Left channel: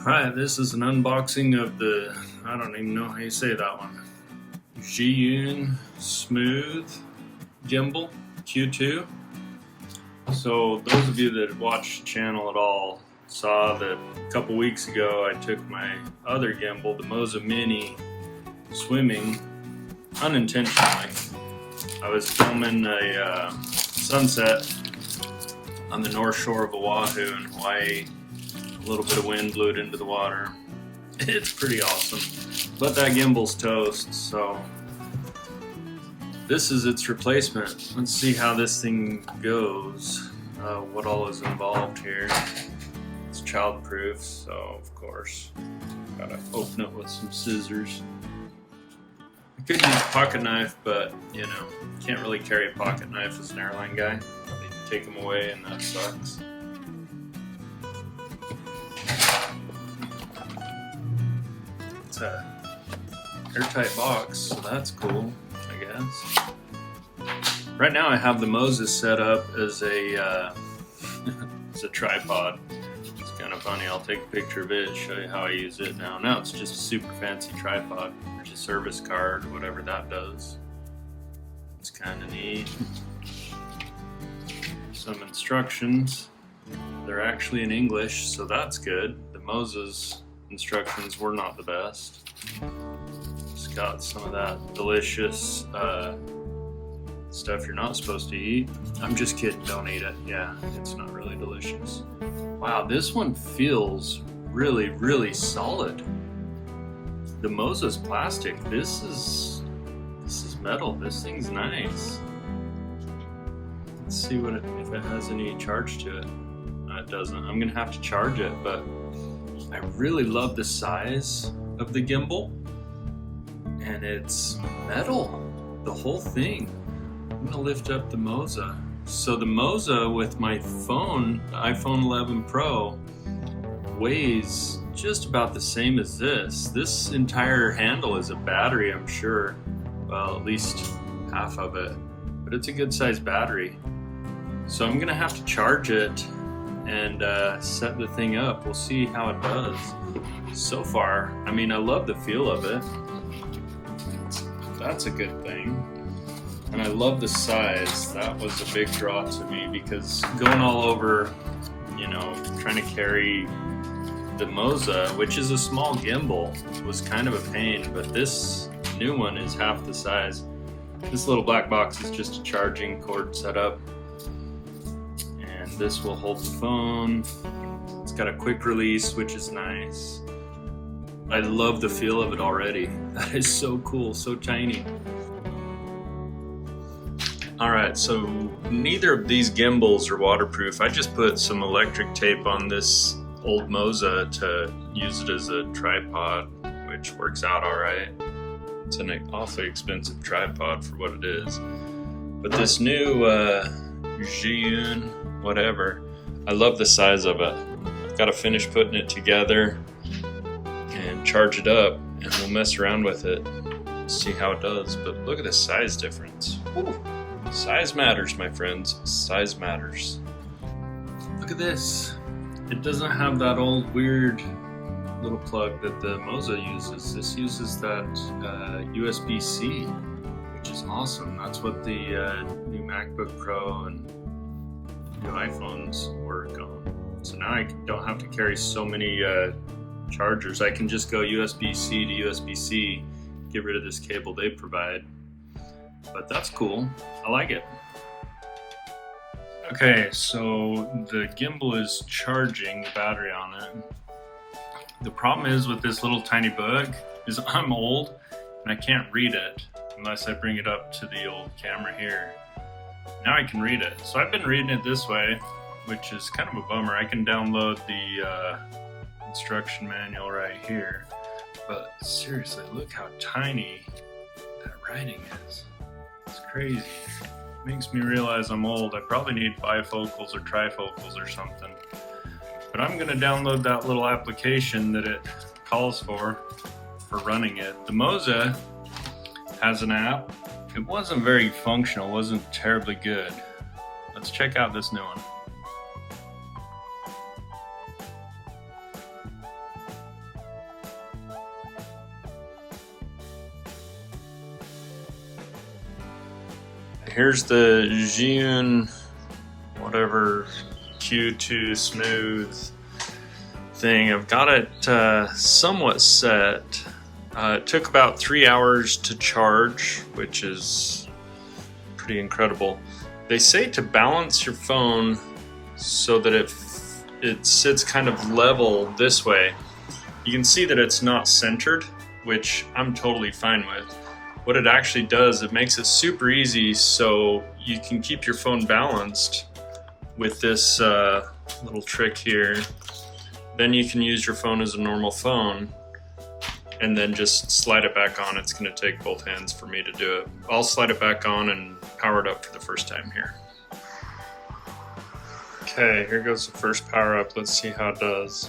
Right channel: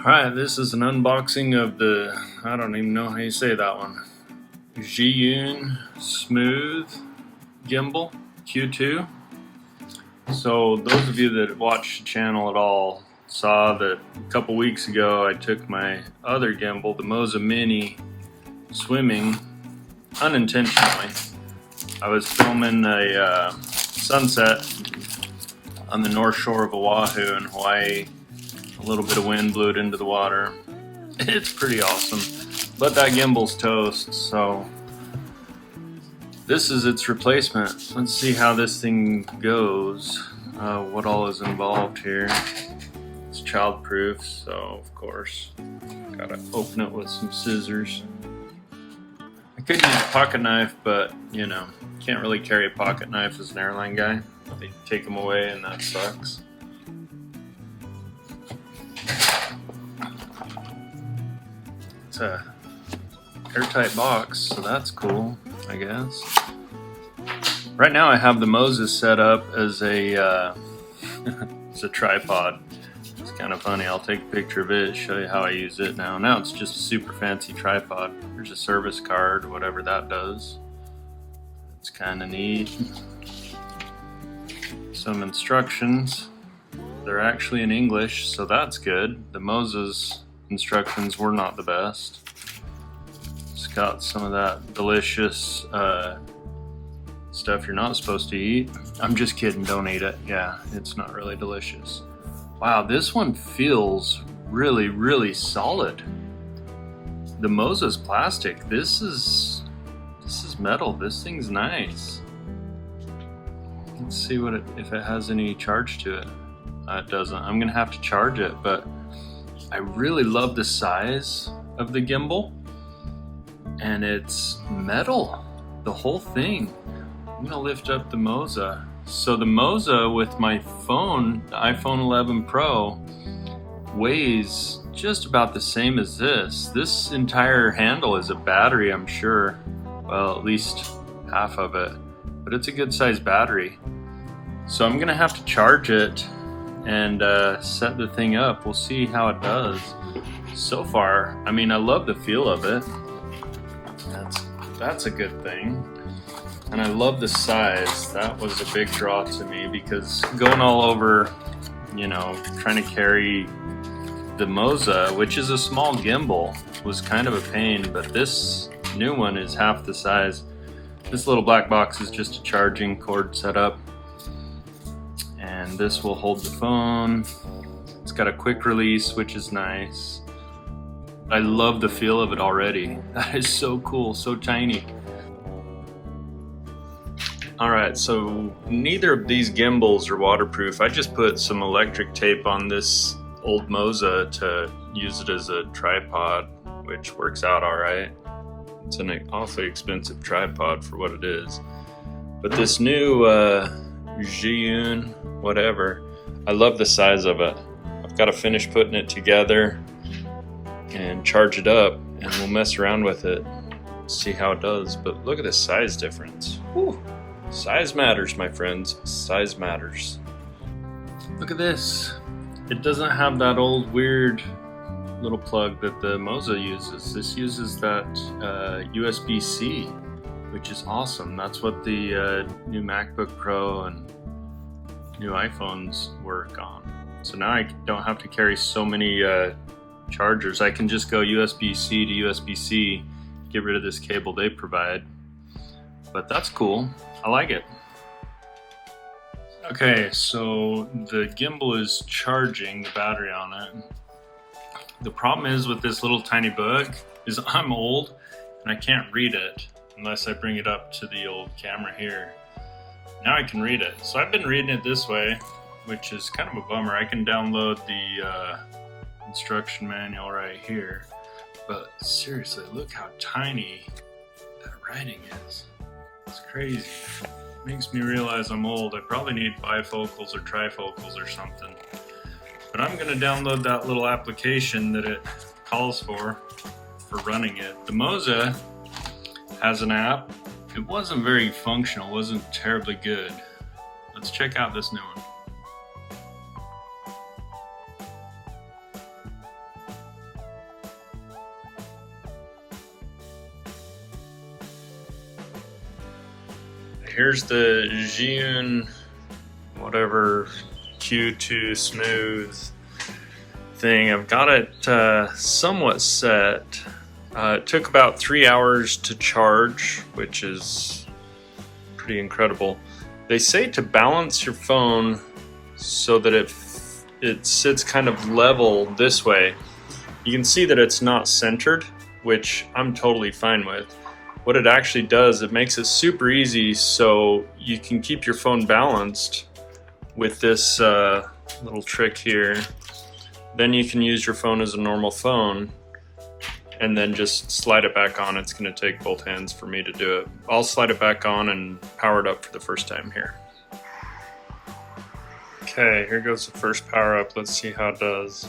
Alright, this is an unboxing of the, I don't even know how you say that one, ZHIYUN Smooth-Gimbal Q2. So those of you that watch the channel at all saw that a couple weeks ago I took my other gimbal, the Moza Mini, swimming unintentionally. I was filming a sunset on the north shore of Oahu in Hawaii. A little bit of wind blew it into the water. It's pretty awesome, but that gimbal's toast, so this is its replacement. Let's see how this thing goes, what all is involved here. It's child-proof, so of course gotta open it with some scissors. I could use a pocket knife, but you know, can't really carry a pocket knife as an airline guy. They take them away and that sucks. It's a airtight box, so that's cool, I guess. Right now I have the Moza set up as a as a tripod. It's kind of funny. I'll take a picture of it, show you how I use it now. Now it's just a super fancy tripod. There's a service card, whatever that does. It's kind of neat. Some instructions. They're actually in English, so that's good. The Moza's instructions were not the best. It's got some of that delicious stuff you're not supposed to eat. I'm just kidding, don't eat it. Yeah, it's not really delicious. Wow, this one feels really, really solid. The Moza's plastic. This is metal. This thing's nice. Let's see if it has any charge to it. It doesn't. I'm gonna have to charge it, but I really love the size of the gimbal, and it's metal, the whole thing. I'm gonna lift up the Moza. So the Moza with my phone, the iPhone 11 Pro, weighs just about the same as this. This entire handle is a battery, I'm sure. Well, at least half of it, but it's a good sized battery. So I'm gonna have to charge it and set the thing up. We'll see how it does. So far, I mean, I love the feel of it. That's a good thing. And I love the size. That was a big draw to me because going all over, you know, trying to carry the Moza, which is a small gimbal, was kind of a pain, but this new one is half the size. This little black box is just a charging cord setup. This will hold the phone. It's got a quick release, which is nice. I love the feel of it already. That is so cool, so tiny. All right, so neither of these gimbals are waterproof. I just put some electric tape on this old Moza to use it as a tripod, which works out all right. It's an awfully expensive tripod for what it is. But this new ZHIYUN, whatever, I love the size of it. I've got to finish putting it together and charge it up, and we'll mess around with it, see how it does. But look at the size difference. Whew. Size matters, my friends. Size matters. Look at this. It doesn't have that old weird little plug that the Moza uses. This uses that USB-C, which is awesome. That's what the new MacBook Pro and new iPhones work on. So now I don't have to carry so many chargers. I can just go USB-C to USB-C, get rid of this cable they provide. But that's cool. I like it. Okay, so the gimbal is charging the battery on it. The problem is with this little tiny book is I'm old and I can't read it unless I bring it up to the old camera here. Now I can read it. So I've been reading it this way, which is kind of a bummer. I can download the instruction manual right here. But seriously, look how tiny that writing is. It's crazy. It makes me realize I'm old. I probably need bifocals or trifocals or something. But I'm gonna download that little application that it calls for running it. The Moza has an app. It wasn't very functional, wasn't terribly good. Let's check out this new one. here's the ZHIYUN whatever Q2 smooth thing. I've got it somewhat set. It took about 3 hours to charge, which is pretty incredible. They say to balance your phone so that it sits kind of level this way. You can see that it's not centered, which I'm totally fine with. What it actually does, it makes it super easy so you can keep your phone balanced with this little trick here. Then you can use your phone as a normal phone and then just slide it back on. It's gonna take both hands for me to do it. I'll slide it back on and power it up for the first time here. Okay, here goes the first power up. Let's see how it does.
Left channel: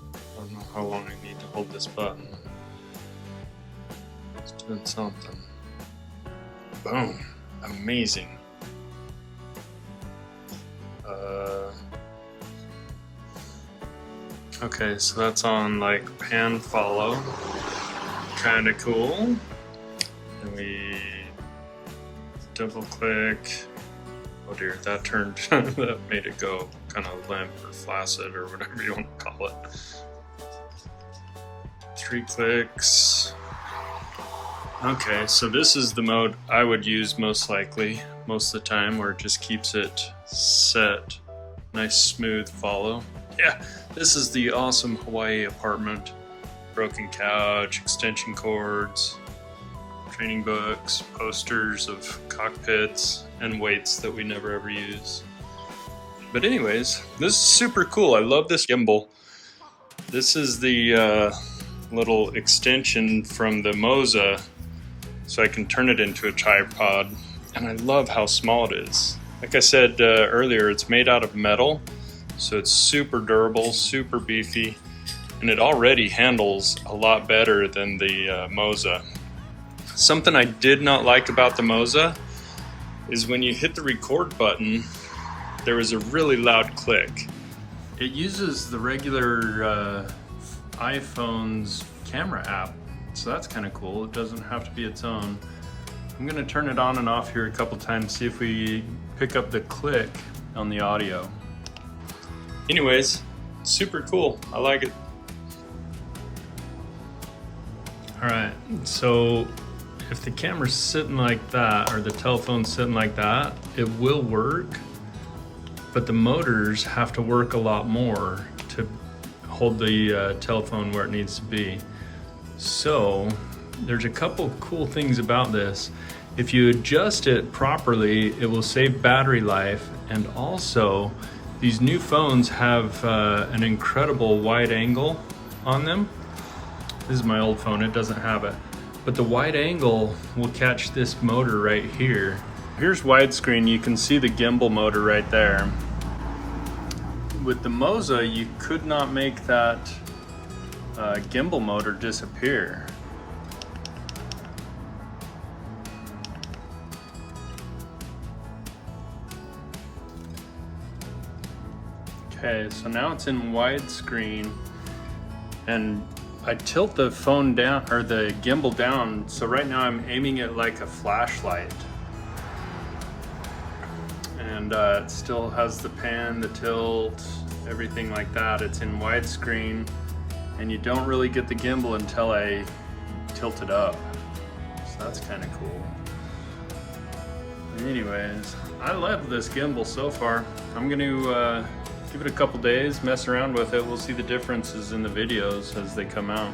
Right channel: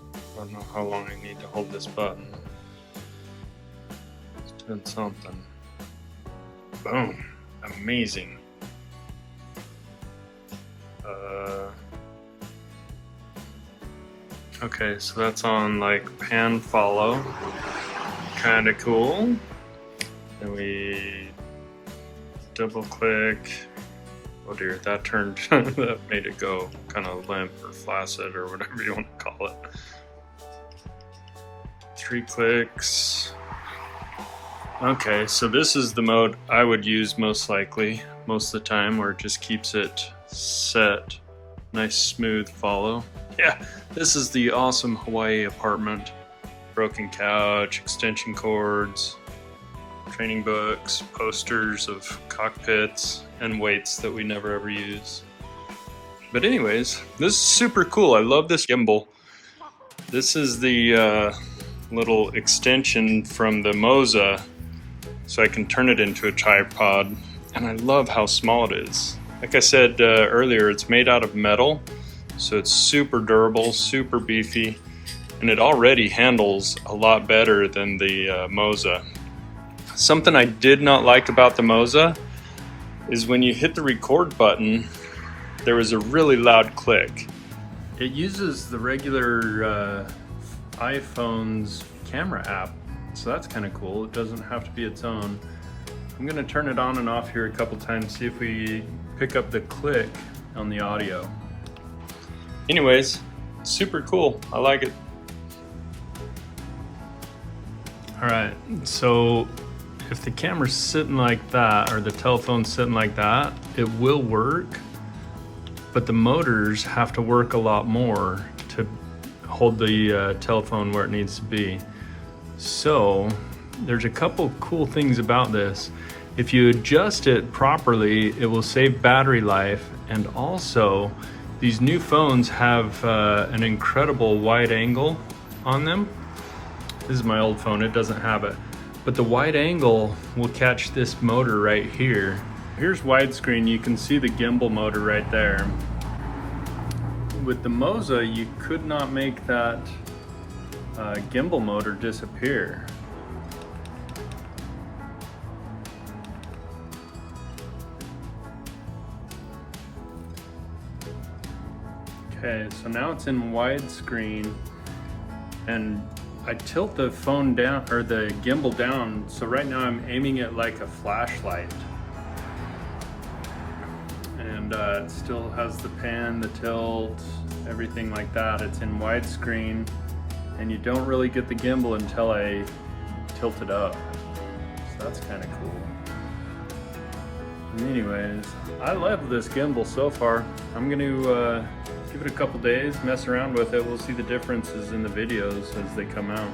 I don't know how long I need to hold this button. It's doing something. Boom, amazing. Okay, so that's on like pan follow, kind of cool. And we double click. Oh dear, that turned, that made it go kind of limp or flaccid or whatever you want to call it. 3 clicks. Okay, so this is the mode I would use most likely, most of the time, where it just keeps it set. Nice smooth follow. Yeah, this is the awesome Hawaii apartment. Broken couch, extension cords, training books, posters of cockpits, and weights that we never ever use. But anyways, this is super cool. I love this gimbal. This is the little extension from the Moza, so I can turn it into a tripod. And I love how small it is. Like I said earlier, it's made out of metal, so it's super durable, super beefy, and it already handles a lot better than the Moza. Something I did not like about the Moza is when you hit the record button, there was a really loud click. It uses the regular iPhone's camera app, so that's kind of cool. It doesn't have to be its own. I'm gonna turn it on and off here a couple times, see if we pick up the click on the audio. Anyways, super cool. I like it. All right, so if the camera's sitting like that, or the telephone's sitting like that, it will work, but the motors have to work a lot more to hold the telephone where it needs to be. So there's a couple cool things about this. If you adjust it properly, it will save battery life, and also these new phones have an incredible wide angle on them. This is my old phone, it doesn't have it. But the wide angle will catch this motor right here. Here's widescreen, you can see the gimbal motor right there. With the Moza, you could not make that gimbal motor disappear. Okay, so now it's in widescreen, and I tilt the phone down, or the gimbal down, so right now I'm aiming it like a flashlight. And it still has the pan, the tilt, everything like that. It's in widescreen, and you don't really get the gimbal until I tilt it up. So that's kind of cool. Anyways, I love this gimbal so far. I'm gonna give it a couple days, mess around with it. We'll see the differences in the videos as they come out.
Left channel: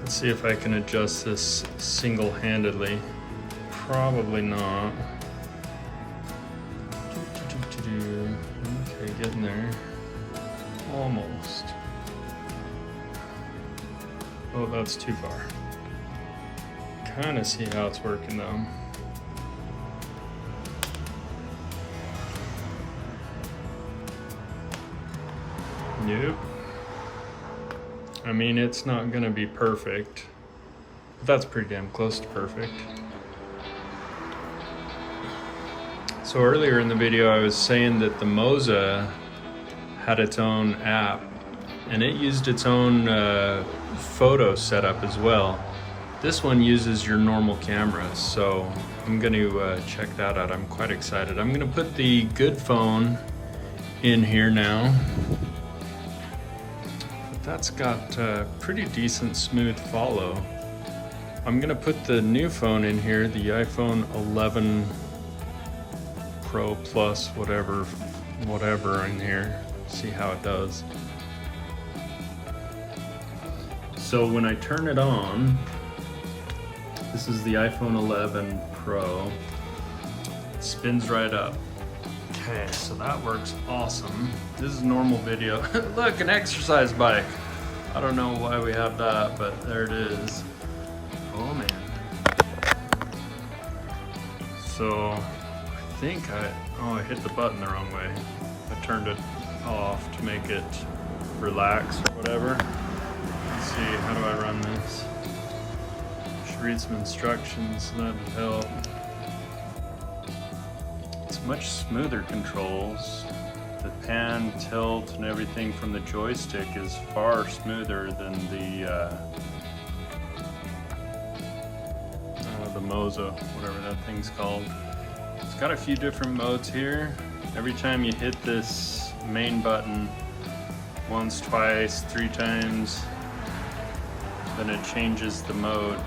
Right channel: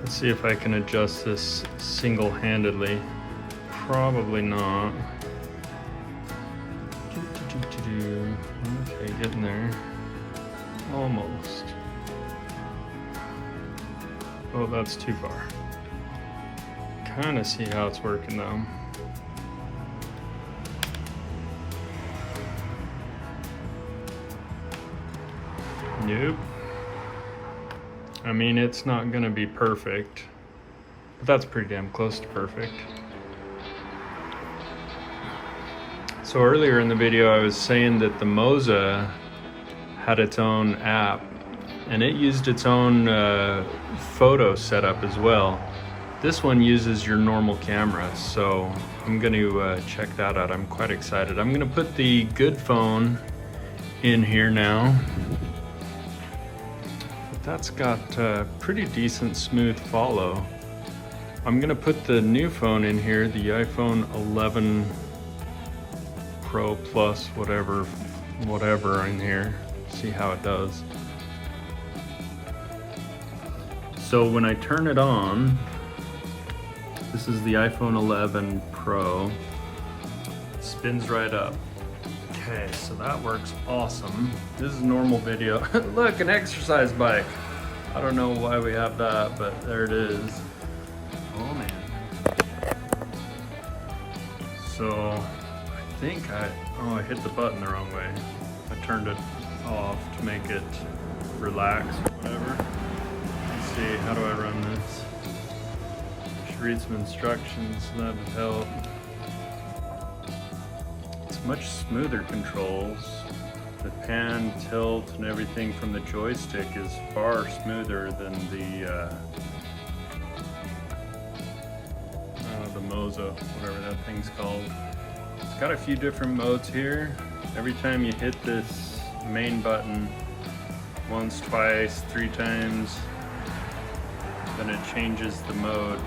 Let's see if I can adjust this single-handedly. Probably not. Okay, getting there. Almost. Oh, that's too far. Kind of see how it's working though. Nope. I mean, it's not gonna be perfect, but that's pretty damn close to perfect. So earlier in the video, I was saying that the Moza had its own app, and it used its own photo setup as well. This one uses your normal camera, so I'm going to check that out. I'm quite excited. I'm going to put the good phone in here now. But that's got pretty decent smooth follow. I'm going to put the new phone in here, the iPhone 11 Pro Plus, whatever in here. See how it does. So when I turn it on, this is the iPhone 11 Pro. It spins right up. Okay, so that works awesome. This is normal video. Look, an exercise bike. I don't know why we have that, but there it is. Oh man. So I think I hit the button the wrong way. I turned it off to make it relax or whatever. Let's see, how do I run this? Should read some instructions, that would help. It's much smoother controls. The pan, tilt, and everything from the joystick is far smoother than the Moza, whatever that thing's called. It's got a few different modes here. Every time you hit this main button, once, twice, 3 times, then it changes the mode.